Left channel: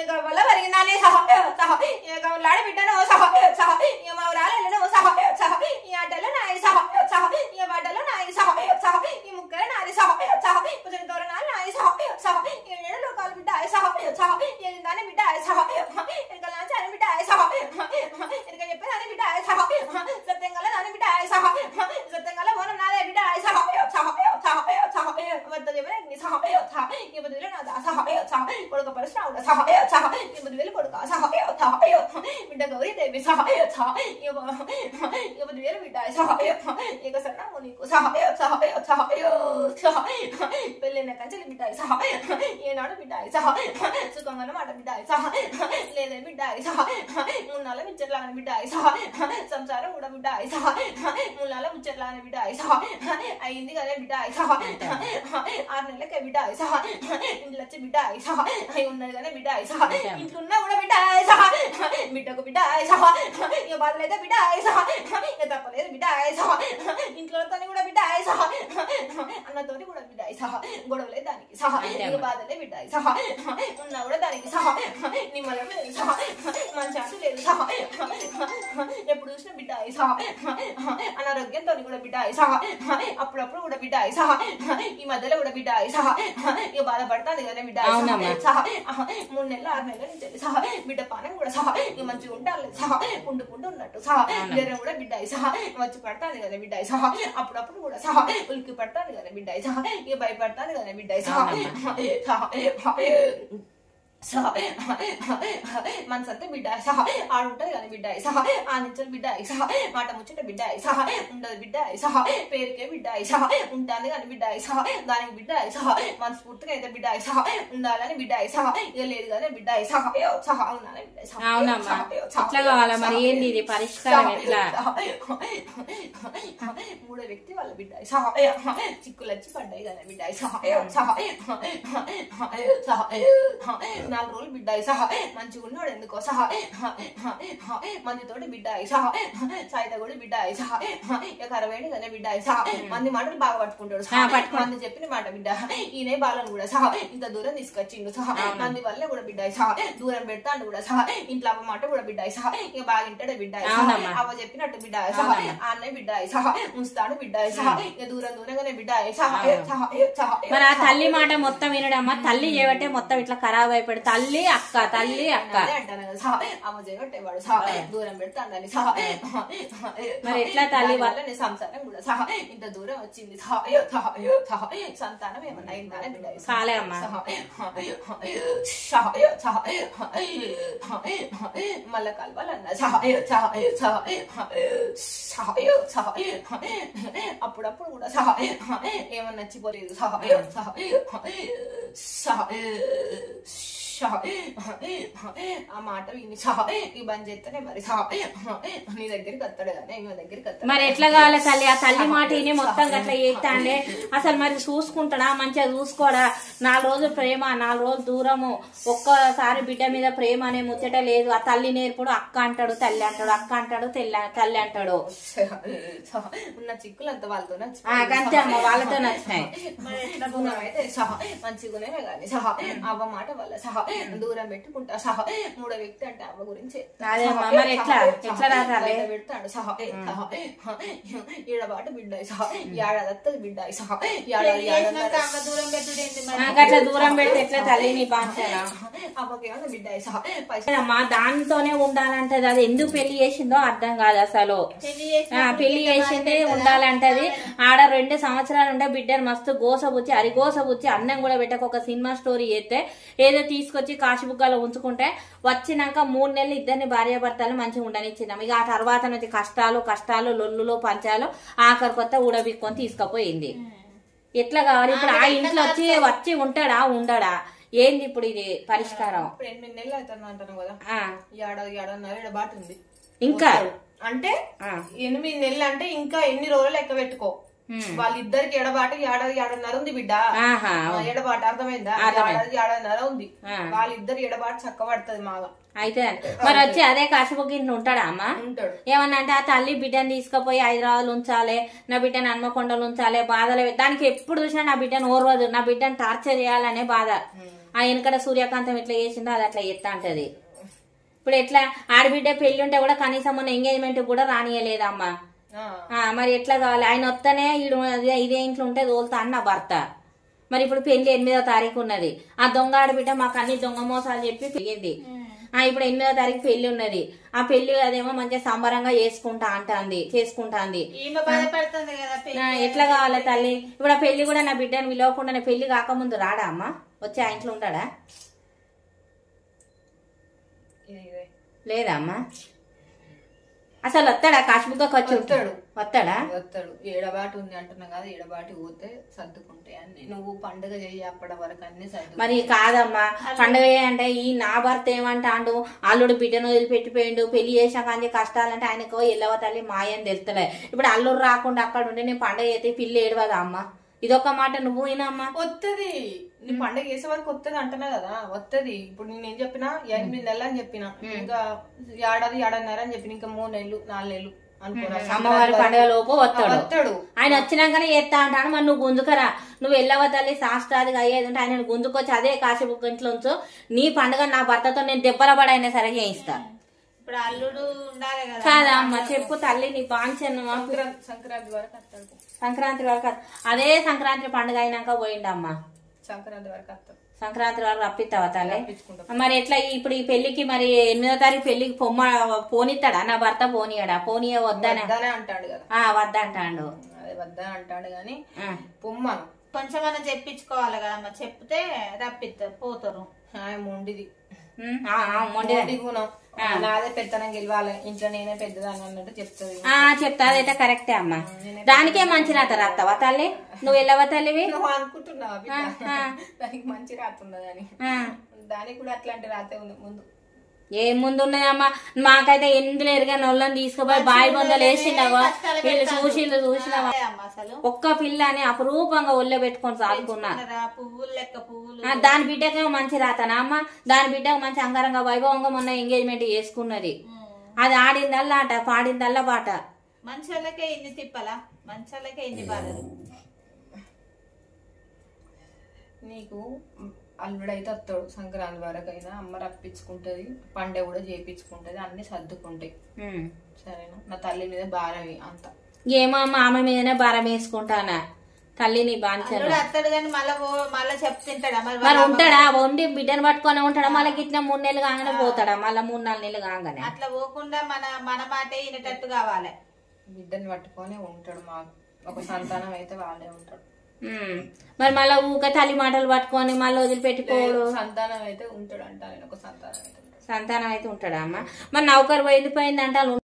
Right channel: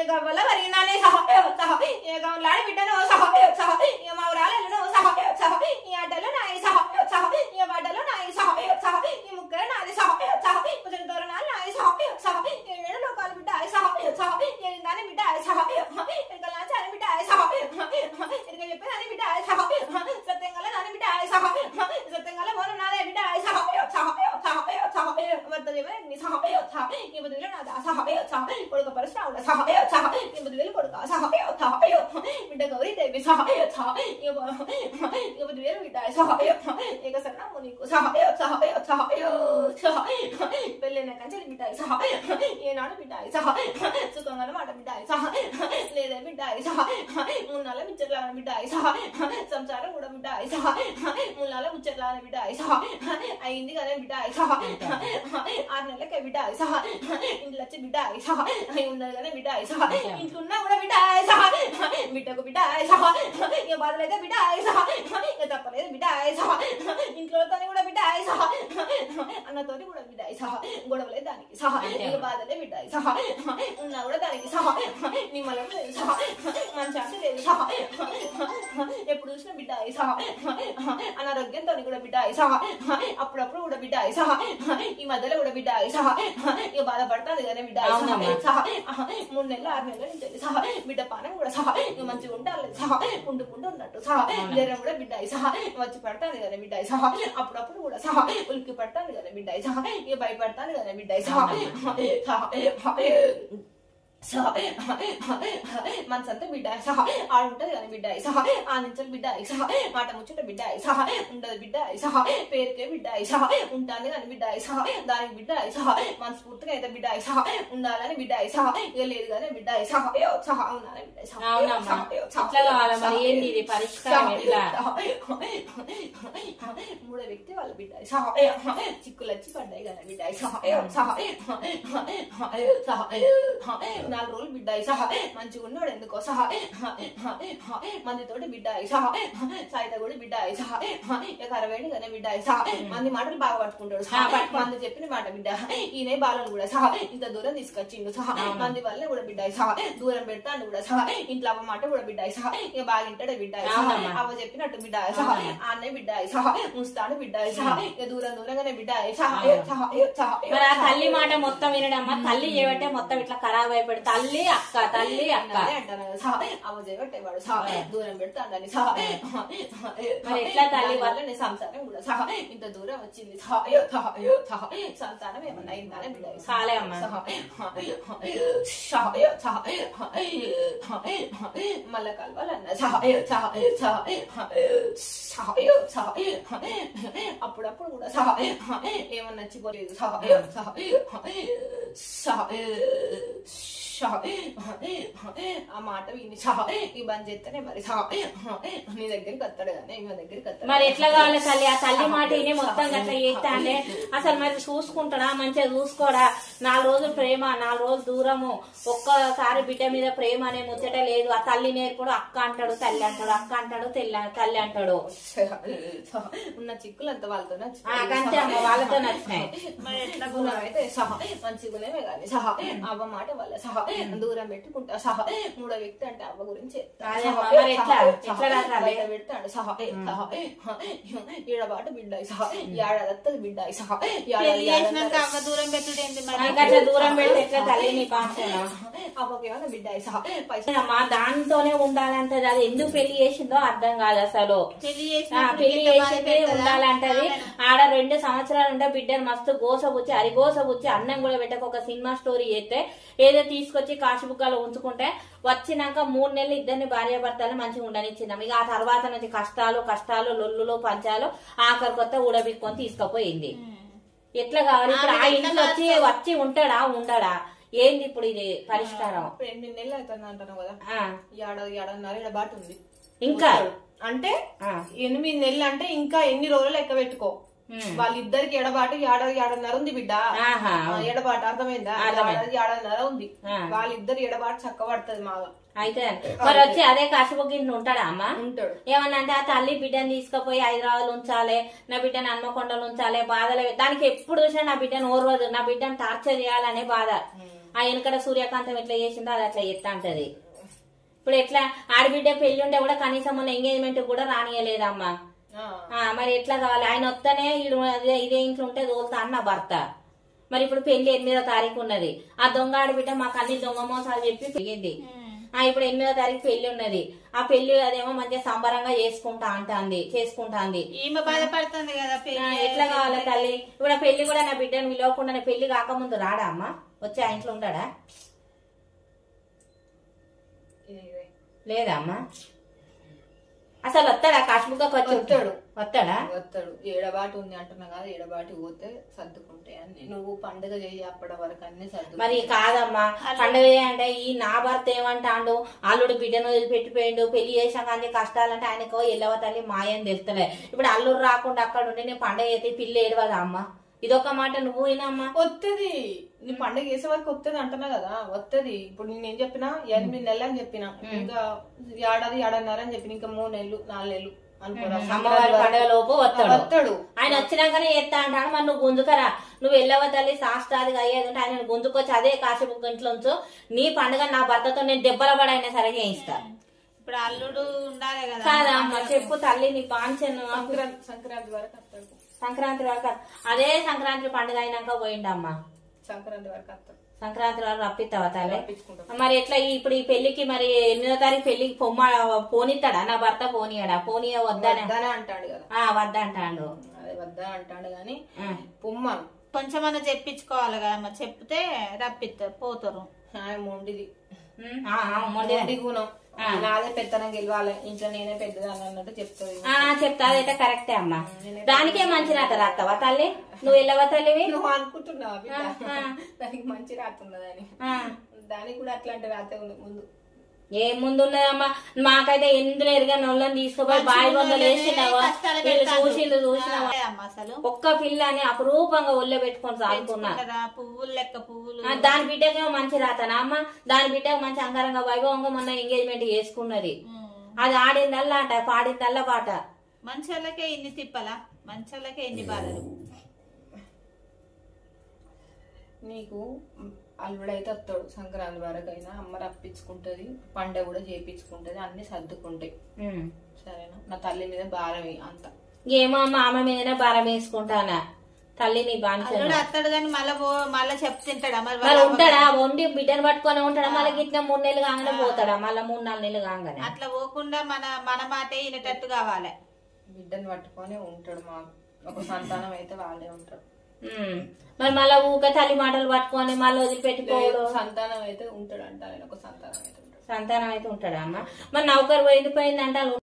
ఇక వల్ల వరిగినానే సహ సహ ఇక లాడి బిడ్డను సహ సహ ఇక మా ఊరాలను సహ సహ ఈ ఆటలు నాయి సహ సహ ఈ బట్టలు నాయి సహ సహ ఈ ముక్కలు నాది సహ సహ కొంచెం దూరణాలు నాయి సహ సహ ఏడు లోకాలు బిడ్డ సహ సహ ఏదాని బిడ్డ సహ ఇక లాంచాని బిడ్డ సహ ఇక చెప్పేదాని బిడ్డ సహ సత్యంగా నాని బిడ్డ సహ సత్యంగా మోన నాదే బిడ్డ సహ సహ సహ సహ వద్ద చెప్పేది సహ సహ ఈ బదులు నాదా సహ సహ కొడుకు పరశురాముడు సహ సహ ఈ బదులు కొడుకు సహ సహ బిడ్డ గౌరీ దేవి సహ సహ ఈ బదులు బిడ్డ సహ ఇక సన్నాము నీకు సహ సహ సహ సహ పెళ్ళైన కంచెలు బిడ్డ సహ ఏనాడు బిడ్డ సహ సుఖంగా మాట బిడ్డ సహ లేదే బిడ్డ సహ మున్నాల ముచ్చట్లాగా బిడ్డ సహ సంసారం కూడా బిడ్డ సహ మున్నాల ముచ్చట్లాగా బిడ్డ సహ అయింది కదా బిడ్డ సహ 6 నెలలకే బిడ్డ సహ ఇంట్లో వచ్చి బిడ్డ సహ ఉన్నది కదా బిడ్డ సహ ఇంట్లో ఉన్నా కూడా బిడ్డ సహ బిడ్డకు బిడ్డ సహ ఇక బాధలైతే బిడ్డ సహ ఇక తప్పలేదు బిడ్డ సహ ఇంట్లోతో కూడా బిడ్డ సహ అన్నతోటి కూడా బిడ్డ సహ గొడవలే దానికి సహ ఇక బాధలే బిడ్డ సహ ఉన్నా కూడా దానికి సహ నిమ్మలం లేదు సహ మంచి అంటూ లేదు సహ ఎప్పుడు చూసిన బిడ్డ సహ అనారోగ్యంతో కూడా బిడ్డ సహ అప్పుడప్పుడు కూడా బిడ్డ సహ ఈ మధ్యలో కూడా బిడ్డ సహ ఇక బాధపడుతుంది కదా బిడ్డ సహ 3 నెలలు 6 నెలల నుంచి సహ బిడ్డ పానం కూడా సహ ఇక మంచిగా ఉండాలి సహ పుండు ఉన్నట్టు సహ జ్వరం కూడా బిడ్డ సహ వచ్చి పడతాను కదా బిడ్డ సహ అప్పుడప్పుడు కూడా సహ ఉలికి పడతాను కదా బిడ్డ సహ ఇక భయపడతాను కదా బిడ్డ సహ మనసంతా బిడ్డ సహ ఆడుంటది కానీ బిడ్డ సహ ఆ నుంచి బిడ్డ సహ మాట ముచ్చట బిడ్డ సహ ఉండదు బిడ్డ సహ పేరుకే బిడ్డ సహ ఉంటుంది కానీ బిడ్డ సహ దానికి బిడ్డ సహ మనస్ఫూర్తిగా అయితే బిడ్డ సహ ఉండాలని బిడ్డ సహ ఇక లేదు కానీ బిడ్డ సహ సహ అవునాలని బిడ్డ మూడో వ్యక్తి వాళ్ళ బిడ్డ సహ చిక్కులు వచ్చి పడ్డాయి కదా బిడ్డ సహ సహ సహ 4 రోజులు బిడ్డ సహ మంచిగా ఉన్నాడు ఎందుకో సహ మందితోటి బిడ్డ సహ సైత కూడా బిడ్డ సహ ఇక 60 కదా బిడ్డ సహ మంది మాటలు బాగా పట్టుకుంటాడు సహ మంది చెప్పిన మాట బిడ్డ ఈయనే బాలను కూడా సహ ఇంత దూరం తీసుకొచ్చిండు సహ మంది వల్ల కూడా బిడ్డ సహ దూరం పెడతాడు కూడా సహ ఇంట్లో అవ్వ మాట కూడా బిడ్డ సహ ఇక బాగా ఇంటాడు బిడ్డ సహ అవ్వ చెప్పినట్టు బిడ్డ సహ అన్నయ్య బిడ్డ సహ ముస్తాడు బిడ్డ సహ ఇక దూరంగానే బిడ్డ సహ సహ సహ తల్లి మాట మొత్తం వినడమ్మా తల్లి ఏమంటే మొత్తం ఇట్లా ఖరాబ్ అయిపోయి తల్లి అక్క అంటాను కదా సహ అమ్మ చేయబట్టేవాడు సహ దూరం పెడతాడని సహ మరి ఎట్లా తల్లి వల్ల నీ సంసారం కూడా సహ ఇంత దూరం వచ్చింది సహ సహ సహ సంతానం ఏమన్నా అయిందానే బిడ్డ మళ్ళా కలవాలన్నా సహ సహ సహ సహ సహ అప్పుడప్పుడు కూడా సహ ఏమన్నా నచ్చిపోలేదు సహ సహ సహ ఆ మాట విని సహ ఈ బంద్ చేస్తేనే మరి సహ నీ దగ్గరికి వస్తాడు కానీ మీ దగ్గరికి వస్తాడు మరి ఎట్లా కావాలి తల్లి ఆ తల్లి మాట విని మొత్తం అట్లా చేస్తాండే అసలు మరి చూసుకుంటాడా మంచిగా చూసుకోడా 4 రోజులు ప్రేమ 4 రోజులు దూరము ఒక్కసారి బిడ్డ మీద ప్రేమ అనే ముచ్చట లేదు ఆ తల్లి నేర్పుడు అక్క అంటాడు తల్లి అంటాడు అక్క అంటాడు తల్లి అంటాడు ఉన్న చిక్కులు అంతా వాళ్ళతో అంతే అమ్మ వాళ్ళతో నచ్చినాయి గుణం అయితే సహ మంచి గుణమే కానీ సహ అవ్వ మాట వల్ల సహ దూరం పెట్టుకుంటా సహ మూడో వ్యక్తి అంటే అవ్వ గురించి పెడతాడు సహ ఈడబాటు బిడ్డ సహ ఏడాది బిడ్డ సహ అవ్వకేమన్నా బిడ్డ సహ మా దాంతోనే ఉండాలంటది అది ఎందుకు పెళ్లి చేసిందో అర్థం కాదు అసలు పెళ్లి చేసిందే ఉండాలంటది ఆడ 2 సంవత్సరాలు ఉంటే బిడ్డను మస్తు గోసబుచ్చి అరిగోసబుచ్చి అన్నం కూడా పెట్టక ఒక సినిమా స్టోరీ చేస్తే ఏదో తీసుకొచ్చి కాశీబుక్కాలో ఉంచుకుంటే వచ్చినాక 3 నెలలు ఇద్దరిని భార్యాభర్తలు మంచిగా ఉండనిచ్చినాం ఇక ఆ తర్వాత నుంచి కష్టాలు లొల్లులు పంచాలు ఆఖరి కొత్త ఊడబిక్కొని తీసుకుపోయింది ఎట్లా కావాలి ఇప్పుడు ఆ ఇంట్లో వచ్చి ఉంటాడా ఉండడా ఏంది ఇప్పుడు ఇది పరిష్కారం 8 నెలలు అవుతుంది అంటాను కదా ఏడాదిన్నర బాటు ఉంది ఇంకా అంటే 8 నెలలు అంటే ఇంకా ఎన్ని రోజులు లెక్క పెట్టుకో వాళ్ళిద్దరికి ఎడబాటు ఏడాదిన్నర ఉంది బిడ్డ ఎడబాటు అర్థమైందా ఏడాదిన్నర ఉంది వాళ్ళిద్దరు ఎడబాటు చక్కబడుతుంది మాగా అయితే మరి వచ్చి అదే కాశీబుక్కింటి ఉంటాడా అమ్మ ఉంటాడు ఏమన్నా అంటే ఆ తల్లి బిడ్డను తీసుకుపోయి హైదరాబాద్ ఉంచాలి నా బిడ్డను హన్మకొండలు ఉంచాలి బాధలు దానికి ఎప్పుడు చూసినా నా బిడ్డను ఓర్వదు నా బిడ్డను టార్చర్ చేయాలనే బాధ ఆ వెనకట సూర్యకాంతం ఎట్లా చేసిందో అది అట్లా ఎత్తా అంటది. ఇప్పుడు ఎట్లా ఆడబిడ్డ పెళ్లి ఉంటే కూడా కనీసం మన ఎంగేజ్మెంట్ కూడా రానియలేదమ్మా. మరి ఎట్లా కావాలి? ఆయన వస్తేనే ఇదే ఇంట్లో ఉంటే తోలుతా అన్న భర్త. మరి ఇప్పుడు పెళ్లి 8వ తారీఖు ఉన్నది. ఆ దొంగ ఆడబిడ్డ మాకు అన్ని దొంగ మోసాలు చెప్పి పెరిగింది. ఇప్పుడు 8వ తారీఖు పెళ్లి ఉన్నది. ఆ పెళ్లి అదేమో మంచిగా సంబరంగా చేసుకుంటాంది. ఎట్లా కావాలి తల్లి? ఇప్పుడు ఆ పెళ్లి కూడా నా బిడ్డను విలువకుండా పెళ్లి కాకముందు రాడా అమ్మా? వచ్చి ఆ ఇంట్లో ఉంటాడా? లేదా అమ్మా? అసలు వస్తాడా? కాశ్మీర్కి వచ్చి వస్తాడా? ఏడబాటు ఉంది అంటున్నా కదా, ఏడబాటి పోతే సర్దుకుంటాయి అన్ని. నువ్వు పండుగ చెయ్యి అప్పటి వరకు అన్ని సర్దు. మరి కాదమ్మా, పండుగ అంటే ఈ నా భర్త ఏమంటాడు? అల్లుడు బిడ్డను వదిలిపెట్టిపోయిండు, పెళ్లి చేసాక అన్ని కష్టాలంటే ఆయనకు ఎల్లవ తల్లి మాయని తెలుస్తలే. ఇప్పుడు అల్లుడు రాకుండా అక్కడ ఉంటే నేను పండుగ అయితే పిల్లి ఏడవదా అమ్మా? ఇదొక మాట నువ్వు వినమ్మా. వస్తుంది, నీ పండుగ చేసే వరకు వస్తుంది అంటున్నా కదా, వస్తుంది. ఇప్పుడు నేనేం చెప్పినా 8 నెలలు అని చెప్పిన, ఇంకా ఏడాది 1.5 అని చెప్పిన, ఇంకా 3 నెలలు 4 నెలలు అనుకోరా. అమ్మవారి పండుగ లోపు వస్తాడు. ఆయన వచ్చినాకనే చేస్తా అంటాను. మరి నువ్వు గుంజుకరా, నువ్వు వెళ్ళవ తల్లి శాస్త్రాదిగా అయ్యేది ఉంటే ఆయన గుంజుకొచ్చి అదే కాసేపు ఇంట్లో ఉంచు. నీ పండుగ నా భర్తతో నేను దెబ్బల పడైనా సరే చేయిస్తా. ఇప్పుడు అల్లుడు ఉండాలి కదా. కాదమ్మా చెప్పు తల్లి, నీ పాంచను. సంక్రాంతి వరకు వస్తాడు. సంక్రాంతి వరకు అదే సంక్రాంతి పండుగ అయినాక పోయిండమ్మా. సంక్రాంతి వరకు వస్తాడు. సంక్రాంతి వరకు రప్పిస్తావా తల్లి? మరి ఎట్లా ఇప్పుడు ఈ పెళ్లికి మరి 8వ తారీఖు పెళ్లికి పోనిస్తాడా నా భర్త? పోనీయడా? పోనీయ వద్దనే అంటాడు కదా. వద్దంటాడు. అదే వద్దా అంటాడు గాని పొమ్మను కొంచెమన్నా చెప్పించుకోవాలి కదా. చెప్తే రప్పిస్తారు, పోతారు. మొండిది గుణం, నాదే పెద్దనం గెలవాలి, ఇంట్లో నేనే పెద్దదాన్ని అన్నట్టు చెప్తుంది. చెప్తా, అదైతే కరెక్టే అమ్మా. దానికే మంచి రాత రాస్తావా తల్లి? నువ్వు వెళ్ళవా తల్లివి? నువ్వు అనుకుంటున్నావా దానికి మంచి రాత ఉన్నదని? దానికి కూడా అట్లాంటి రాతే ఉంది ముందు. ఏం ముందు ఉన్నాయమ్మా? మాకైతే ఎందులో ఎరుగా నొల్లని తీసుకుపోయి బాయి బొందలు వేసినావా? వీళ్ళు చూసినావా? ఒక్క పిల్లని అపురూపంగా ఒళ్ళో పెట్టుకొని సాగుకున్నా. దాని బిడ్డకేమో మంచి రాతనా అమ్మ? దాని బిడ్డకు మంచి అంగరంగ వైభవంగా మొన్న ఎంగేజ్మెంట్ చేసుకున్నది. అది ఆడిందల్లా ఆట, పాడిందల్లా పాట. మంచి వాళ్ళకే ఇన్ని తిప్పలా, మంచి వాళ్ళకే ఇన్ని బాధలు. నీకు అల్లుడైతే వస్తాడు సంక్రాంతి వరకు అయినా, అమ్మ రప్పించుకుంటది, పండుగ కూడా చేయించుకుంటది, అన్ని సర్దుకుంటాయి. సరేనా? నా తల్లి మీద భారం అంత. ఏమో అమ్మ, ఆమె మీదనే భారం వేసుకుంటానా తల్లి? నీ బాధ్యత. వస్తాడు కానీ మళ్ళా చెప్తుంటాడా? మరి ఉంటాడా? వండి బిడ్డను పట్టుకొని ఉంటాడా? మళ్ళీ ఇట్లా 3 నెలలు కాగానే పోతాడా? మళ్ళీ 3-4 నెలలు కాగానే. అట్లా పోకుండా మన మాటే వినేటట్టు కావాలి. బిడ్డను పట్టుకొని ఉంటాడు. మాకు ఒక సంతానం అయితే వాళ్ళే ఉంటాడు. మరి మళ్ళీ ఊక తల్లి మాటలు పట్టుకొని మళ్ళీ వదిలిపెట్టుకోడు. సంతానం అయితే ఉంటాడు అంట. ఒక సంతానం అయితే ఉంటాడా అమ్మ? మరి నౌకరు వెళ్ళిపోయింది అంటారు.